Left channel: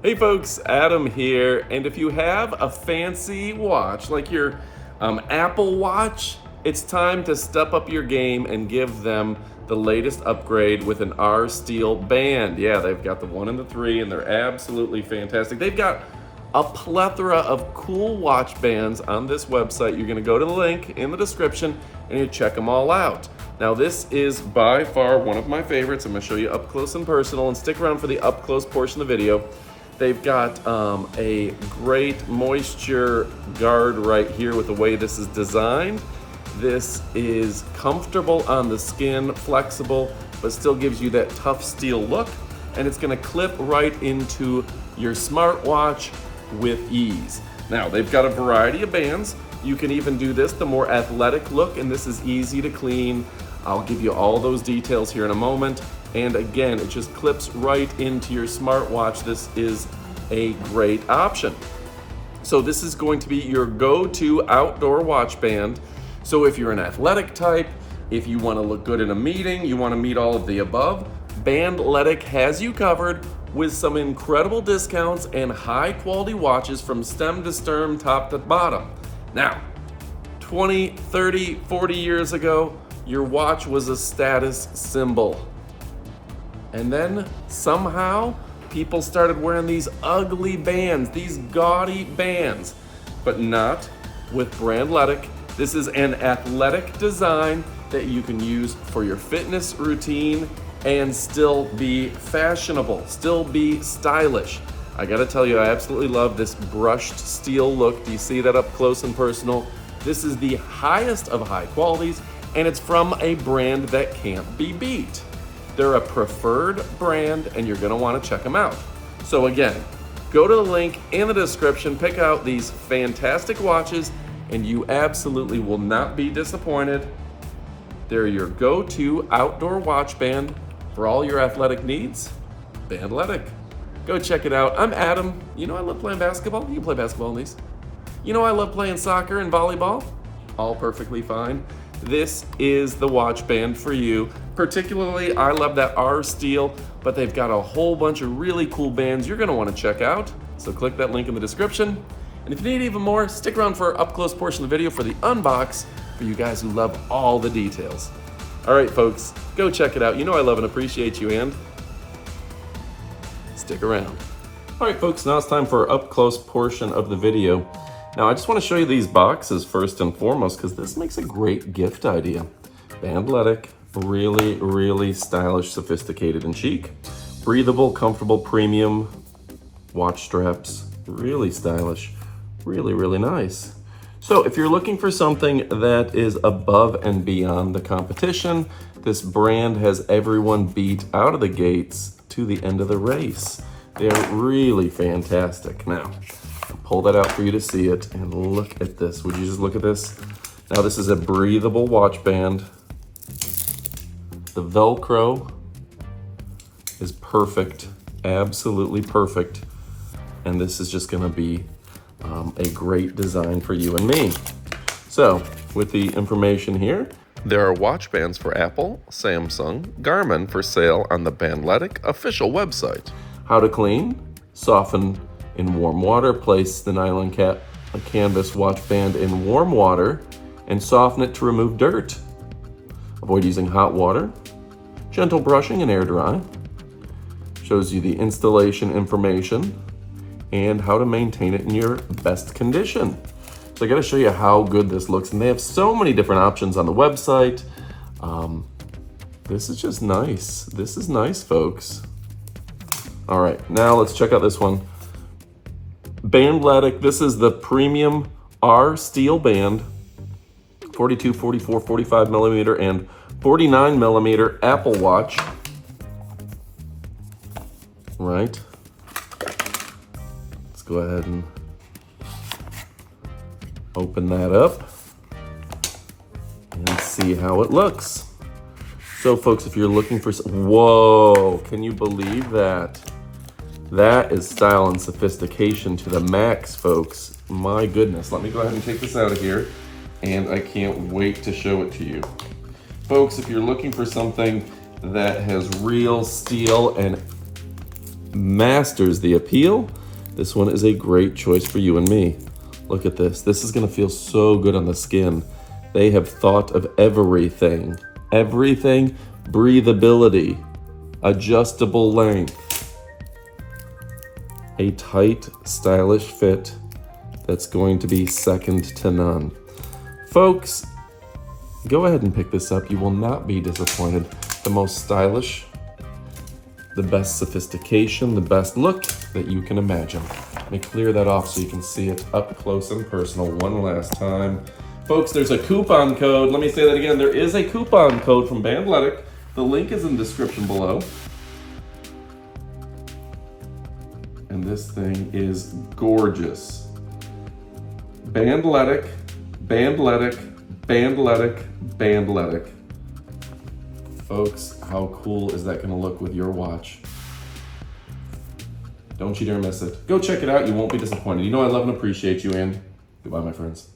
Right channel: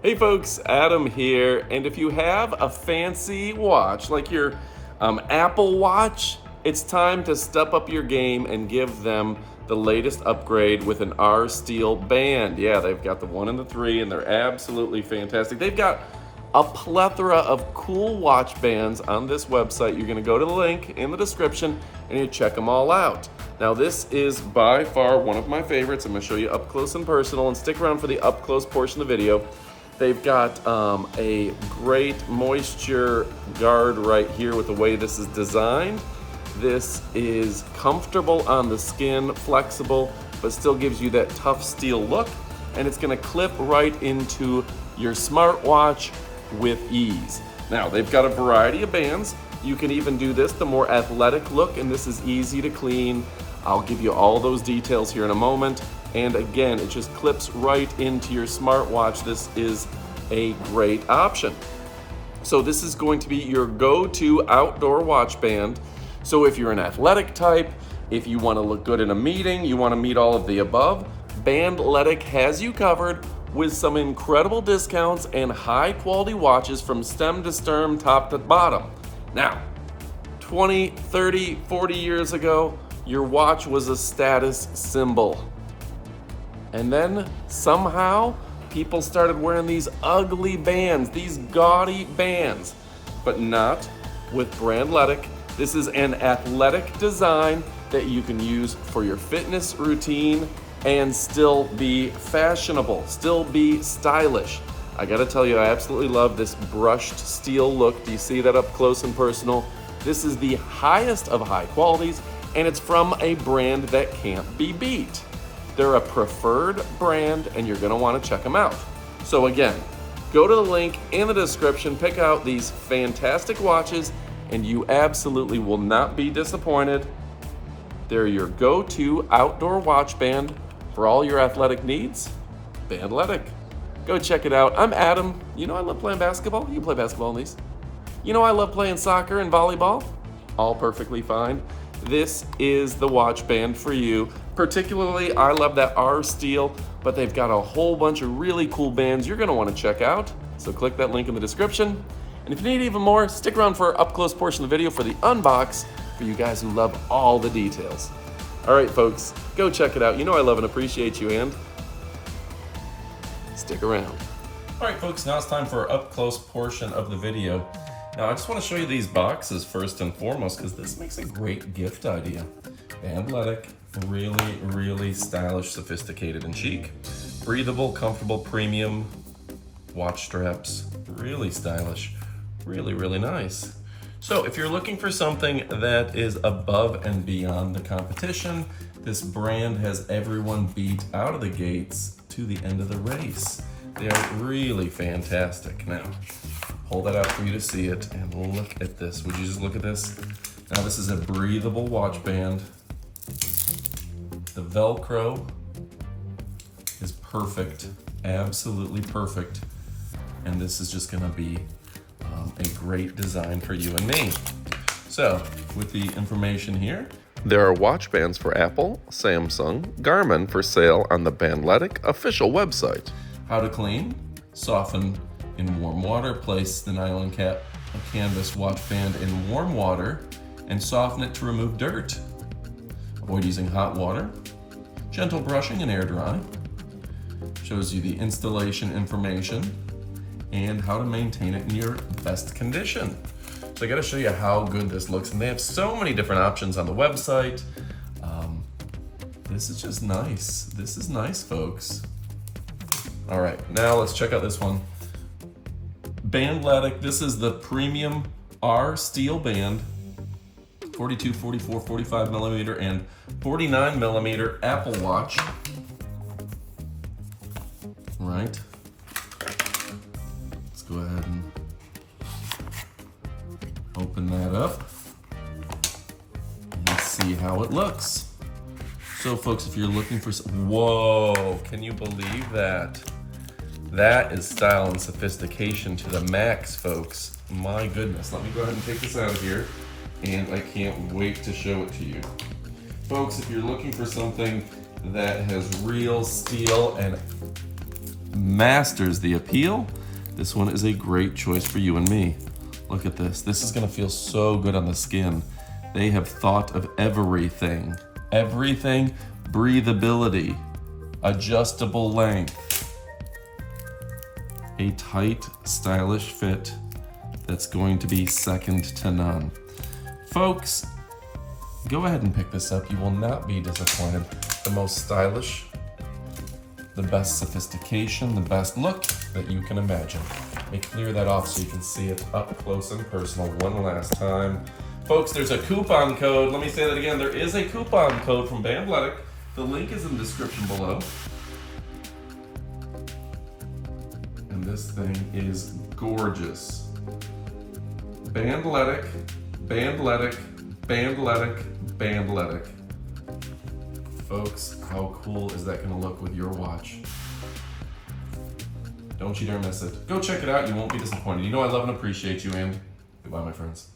Hey folks, Adam here, and if you have a fancy watch like your Apple Watch, it's time to step up your game and give them the latest upgrade with an R Steel band. Yeah, they've got the 1 and the 3, and they're absolutely fantastic. They've got a plethora of cool watch bands on this website. You're gonna go to the link in the description and you check them all out. Now this is by far one of my favorites. I'm gonna show you up close and personal, and stick around for the up close portion of the video. They've got a great moisture guard right here with the way this is designed. This is comfortable on the skin, flexible, but still gives you that tough steel look. And it's gonna clip right into your smartwatch with ease. Now, they've got a variety of bands. You can even do this, the more athletic look, and this is easy to clean. I'll give you all those details here in a moment. And again, it just clips right into your smartwatch. This is a great option. So this is going to be your go-to outdoor watch band. So if you're an athletic type, if you want to look good in a meeting, you want to meet all of the above, BANDLETIC has you covered with some incredible discounts and high quality watches from stem to stern, top to bottom. Now, 20, 30, 40 years ago, your watch was a status symbol. And then somehow people started wearing these ugly bands, these gaudy bands, but not with BANDLETIC. This is an athletic design that you can use for your fitness routine and still be fashionable, still be stylish. I gotta tell you, I absolutely love this brushed steel look. Do you see that up close and personal? This is the highest of high qualities, and it's from a brand that can't be beat. They're a preferred brand, and you're gonna wanna check them out. So again, go to the link in the description, pick out these fantastic watches, and you absolutely will not be disappointed. They're your go-to outdoor watch band for all your athletic needs. BANDLETIC. Go check it out. I'm Adam. You know I love playing basketball. You can play basketball in these. You know I love playing soccer and volleyball. All perfectly fine. This is the watch band for you. Particularly, I love that R Steel, but they've got a whole bunch of really cool bands you're gonna wanna check out. So click that link in the description. And if you need even more, stick around for our up close portion of the video for the unbox for you guys who love all the details. All right, folks, go check it out. You know I love and appreciate you, and stick around. All right, folks, now it's time for our up close portion of the video. Now, I just want to show you these boxes first and foremost, because this makes a great gift idea. BANDLETIC, really, really stylish, sophisticated, and chic. Breathable, comfortable, premium watch straps, really stylish, really, really nice. So if you're looking for something that is above and beyond the competition, this brand has everyone beat out of the gates to the end of the race. They're really fantastic. Now, pull that out for you to see it, and look at this. Would you just look at this? Now, this is a breathable watch band. The Velcro is perfect, absolutely perfect. And this is just gonna be a great design for you and me. So, with the information here, there are watch bands for Apple, Samsung, Garmin for sale on the BANDLETIC official website. How to clean, soften in warm water, place the nylon canvas watch band in warm water and soften it to remove dirt. Avoid using hot water. Gentle brushing and air dry. Shows you the installation information and how to maintain it in your best condition. So I gotta show you how good this looks, and they have so many different options on the website. This is just nice. This is nice, folks. All right, now let's check out this one. BANDLETIC, this is the premium R Steel band, 42, 44, 45 millimeter, and 49 millimeter Apple Watch. Right. Let's go ahead and open that up and see how it looks. So folks, if you're looking for whoa, can you believe that? That is style and sophistication to the max, folks. My goodness. Let me go ahead and take this out of here, and I can't wait to show it to you. Folks, if you're looking for something that has real steel and masters the appeal, this one is a great choice for you and me. Look at this. This is gonna feel so good on the skin. They have thought of everything. Everything, breathability, adjustable length, a tight, stylish fit that's going to be second to none. Folks, go ahead and pick this up. You will not be disappointed. The most stylish, the best sophistication, the best look that you can imagine. Let me clear that off so you can see it up close and personal one last time. Folks, there's a coupon code. Let me say that again. There is a coupon code from BANDLETIC. The link is in the description below. And this thing is gorgeous. BANDLETIC, BANDLETIC, BANDLETIC, BANDLETIC. Folks, how cool is that gonna look with your watch? Don't you dare miss it. Go check it out, you won't be disappointed. You know I love and appreciate you, and goodbye, my friends.